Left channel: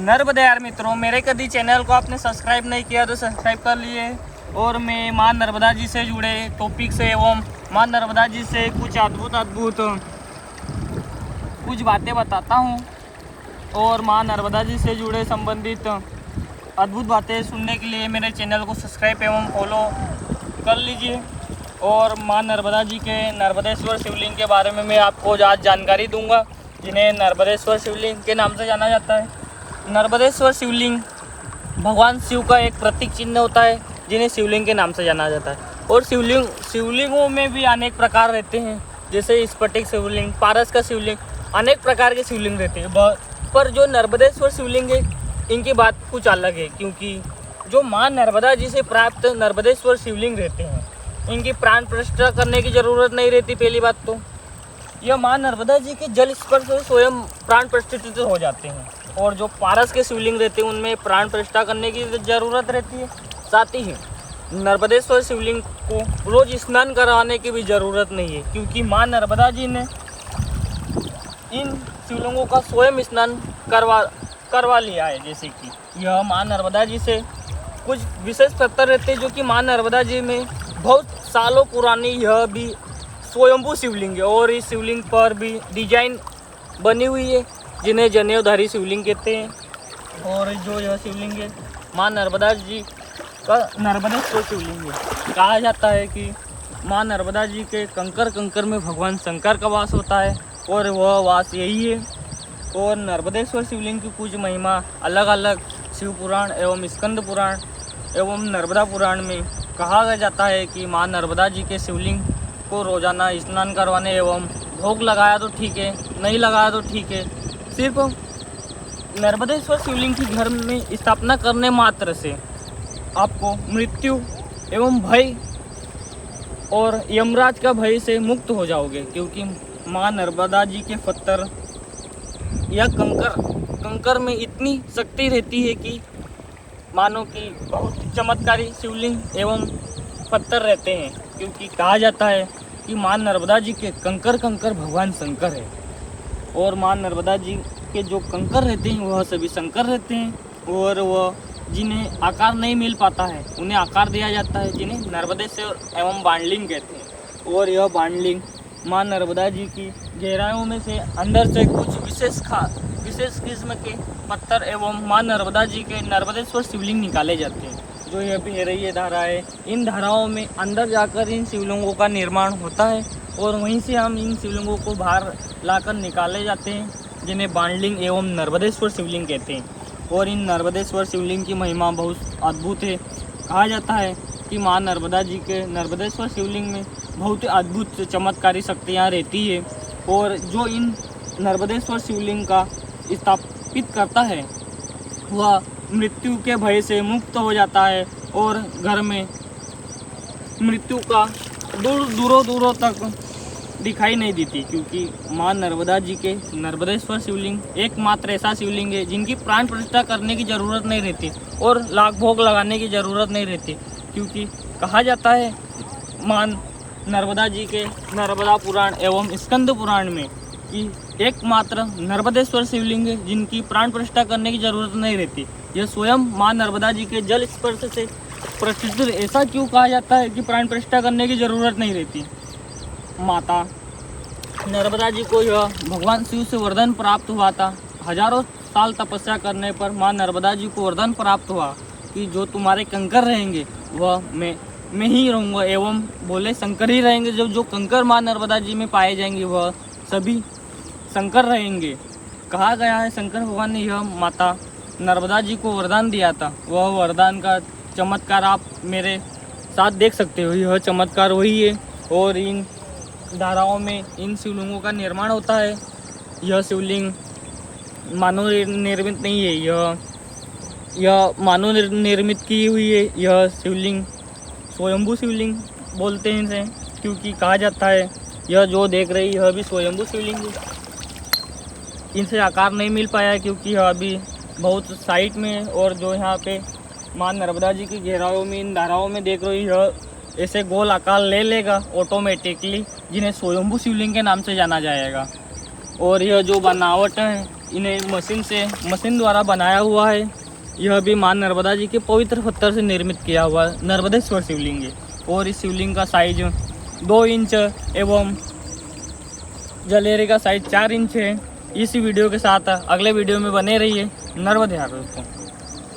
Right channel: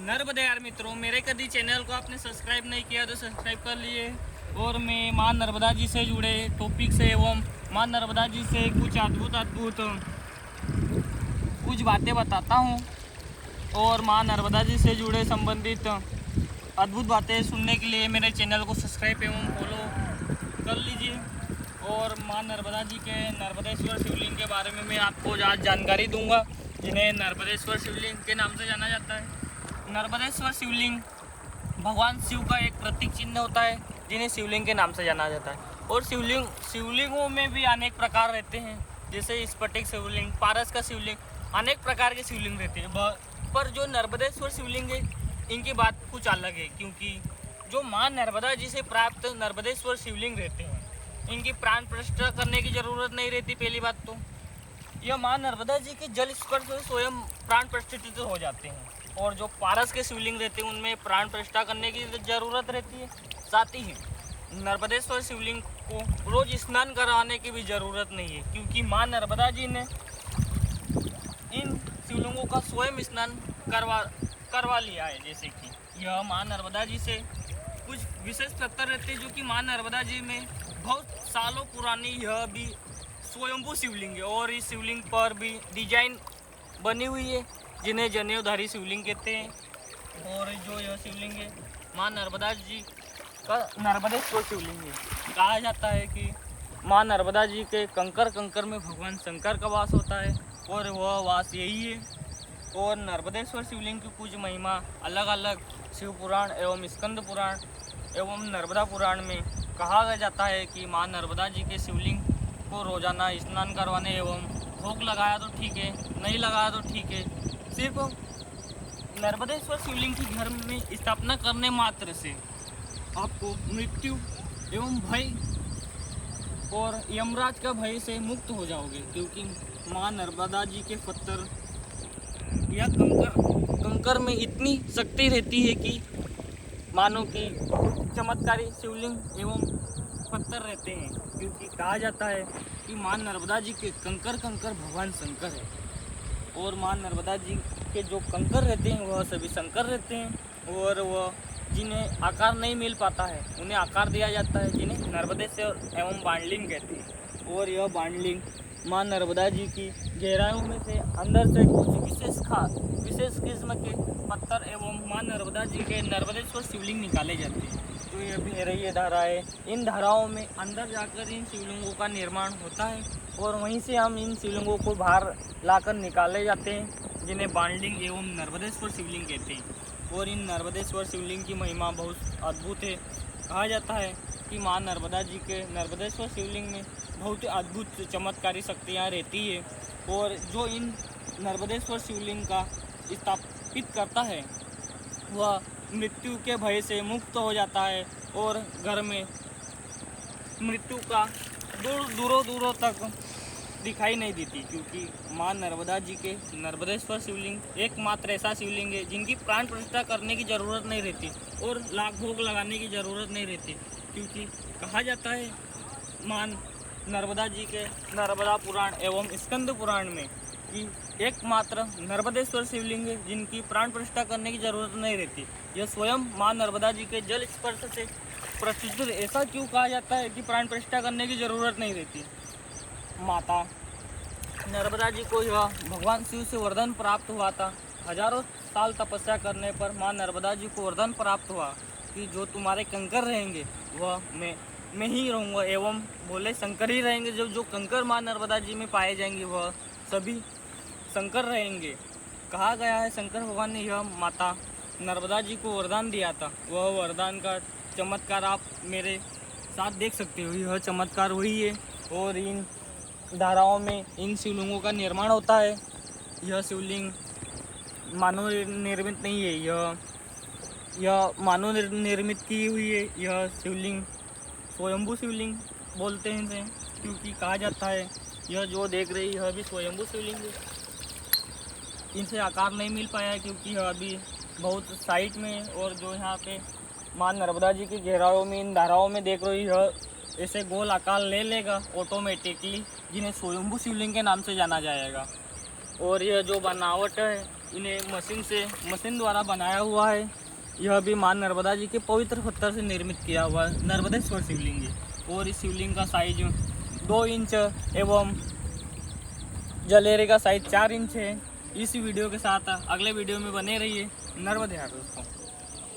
नर्मदे यार मित्रों, मेरे कभी चैनल को आपने सब्सक्राइब नहीं किया तो सब्सक्राइब कर लिए। और मैं माँ नर्मदा जी से जुड़े टॉपिक से एवं माँ नर्मदा जी से कुछ अद्भुत कुछ बातें बताता हूँ। और माँ नर्मदा जी से जुड़े संबंधित अद्भुत बातें सुनने के लिए मेरे चैनल को सब्सक्राइब एवं फॉलो कर लीजिए। और माँ नर्मदा जी के नर्मदेश्वर शिवलिंग के बारे में मैं आपको आज जानकारी दूंगा, जिन्हें नर्मदेश्वर शिवलिंग के नाम से जाना जाता है। नर्मदेश्वर शिवलिंग भगवान शिव का एक प्रतीक चिन्ह होता है, जिन्हें शिवलिंग के नाम से जाना जाता है। और शिवलिंगों में भी अनेक प्रकार रहते हैं, जैसे स्फटिक शिवलिंग, पारस का शिवलिंग, अनेक प्रकार के शिवलिंग रहते हैं। पर जो नर्मदेश्वर शिवलिंग है, इनकी बात कुछ अलग है, क्योंकि जो माँ नर्मदा जी से प्राप्त नर्मदेश्वर शिवलिंग रहते हैं, इनकी प्राण प्रतिष्ठा करने की ज़रूरत नहीं रहती। पहली बात तो यह माँ नर्मदा जी के जल स्पर्श से स्वयं प्राण प्रतिष्ठित हो जाते हैं। और जो पारस के शिवलिंग रहते हैं, उनमें प्राण प्रतिष्ठा करने की ज़रूरत रहती है। साथ ही नर्मदेश्वर शिवलिंग को रोज स्नान कराने की भी ज़रूरत नहीं है, क्योंकि माँ नर्मदा जी ने इन शिवलिंगों का स्वयं स्नान करवा लिया है। जैसे कि यह माँ नर्मदा जी से कुछ विशेष पत्थर रहते हैं, जो कि माँ नर्मदा जी में बहुत सालों पुरानी यह भी स्वयंभू शिवलिंग है। और इस शिवलिंग पर भी डिजाइन बनी हुई है, जिन्हें जनेऊधारी शिवलिंग कहते हैं। और जो यह शिवलिंग है, माँ नर्मदा जी का नर्मदेश्वर शिवलिंग है। कहा जाता है कि माँ नर्मदा जी के कंकर में भगवान शंकर का वास होता है, और वह वास यही है। और नर्मदेश्वर शिवलिंग की कुछ महिमा अलग अलग शिव पुराण एवं स्कंद पुराण एवं नर्मदा पुराण में कहा जाता है कि माँ नर्मदा जी के शिवलिंग को रोजाना स्नान करवाने एवं भोग लगाया तो ठीक है, नहीं लगाया तो ठीक है। सिर्फ नर्मदेश्वर शिवलिंग की घर में स्थापना करने मात्र से आपको मृत्यु एवं भय और यमराज का भय से मुक्त हो जाओगे, क्योंकि माँ नर्मदा जी के पत्थर या कंकर में इतनी शक्ति रहती है कि मानो कि बहुत चमत्कारी शिवलिंग एवं पत्थर रहते हैं। क्योंकि कहा जाता है कि माँ नर्मदा जी के कंकर भगवान शंकर है। और माँ नर्मदा जी के जो कंकर रहते हैं, वह सभी शंकर रहते हैं। और वह जिन्हें आकार नहीं मिल पाता है, उन्हें आकार दिया जाता है, जिन्हें नर्मदेश्वर एवं बाणलिंग कहते हैं। और यह बाणलिंग माँ नर्मदा जी की गहराइयों में से अंदर से कुछ विशेष किस्म के पत्थर एवं माँ नर्मदा जी के नर्मदेश्वर शिवलिंग निकाले जाते हैं। जो यह बह रही है धारा है, इन धाराओं में अंदर जाकर इन शिवलिंगों का निर्माण होता है, और वहीं से हम इन शिवलिंगों को बाहर लाकर निकाले जाते हैं, जिन्हें बाणलिंग एवं नर्मदेश्वर शिवलिंग कहते हैं। और इन नर्मदेश्वर शिवलिंग की महिमा बहुत अद्भुत है। कहा जाता है कि माँ नर्मदा जी के नर्मदेश्वर शिवलिंग में बहुत अद्भुत चमत्कारी शक्तियाँ रहती है। और जो इन नर्मदेश्वर शिवलिंग का स्थापित करता है, वह मृत्यु के भय से मुक्त हो जाता है, और घर में मृत्यु का दूरों तक दिखाई नहीं देती। क्योंकि माँ नर्मदा जी के नर्मदेश्वर शिवलिंग एकमात्र ऐसा शिवलिंग है जिनकी प्राण प्रतिष्ठा करने की ज़रूरत नहीं रहती और लाख भोग लगाने की ज़रूरत नहीं रहती। क्योंकि कहा जाता है माँ नर्मदा जी के नर्मदा पुराण एवं स्कंद पुराण में कि एकमात्र नर्मदेश्वर शिवलिंग है जिनकी प्राण प्रतिष्ठा करने की ज़रूरत नहीं रहती। यह स्वयं माँ नर्मदा जी के जल स्पर्श से प्रतिष्ठित। ऐसा क्यों कहा जाता है कि प्राण प्रतिष्ठा करने की ज़रूरत नहीं रहती? माता नर्मदा जी को यह भगवान शिव से वरदान प्राप्त हुआ था। हजारों साल तपस्या करने पर माँ नर्मदा जी को वरदान प्राप्त हुआ कि जो तुम्हारे कंकर रहेंगे, वह मैं ही रहूँगा, एवं बोले शंकर ही रहेंगे। जो कंकर माँ नर्मदा जी में पाए जाएंगे, वह सभी शंकर रहेंगे। कहा गया है शंकर भगवान ने यह माता नर्मदा जी को वरदान दिया था। वह वरदान का चमत्कार आप मेरे साथ देख सकते हो। यह चमत्कार वही है। और इन धाराओं में इन शिवलिंगों का निर्माण होता है। यह शिवलिंग मानव निर्मित नहीं है, यह मानव निर्मित की हुई है। यह शिवलिंग स्वयंभू शिवलिंग बोलते हैं इसे, क्योंकि कहा जाता है यह जो देख रही यह भी स्वयंभू शिवलिंग है। इनसे आकार नहीं मिल पाया है, क्योंकि यह अभी बहुत साइट में है। और जो यहाँ पे माँ नर्मदा जी की गहराइयों में इन धाराओं में देख रही यह ऐसे गोल आकार ले लेगा ऑटोमेटिकली, जिन्हें स्वयंभू शिवलिंग के नाम से जाना जाएगा। और यह जो बनावट है, इन्हें मशीन द्वारा बनाया हुआ है। यह भी मां नर्मदा जी के पवित्र पत्थर से निर्मित किया हुआ नर्मदेश्वर शिवलिंग है और इस शिवलिंग का साइज 2 इंच एवं जलेरे का साइज 4 इंच है। इसी वीडियो के साथ अगले वीडियो में बने रहिए। नर्मदे हर दोस्तों।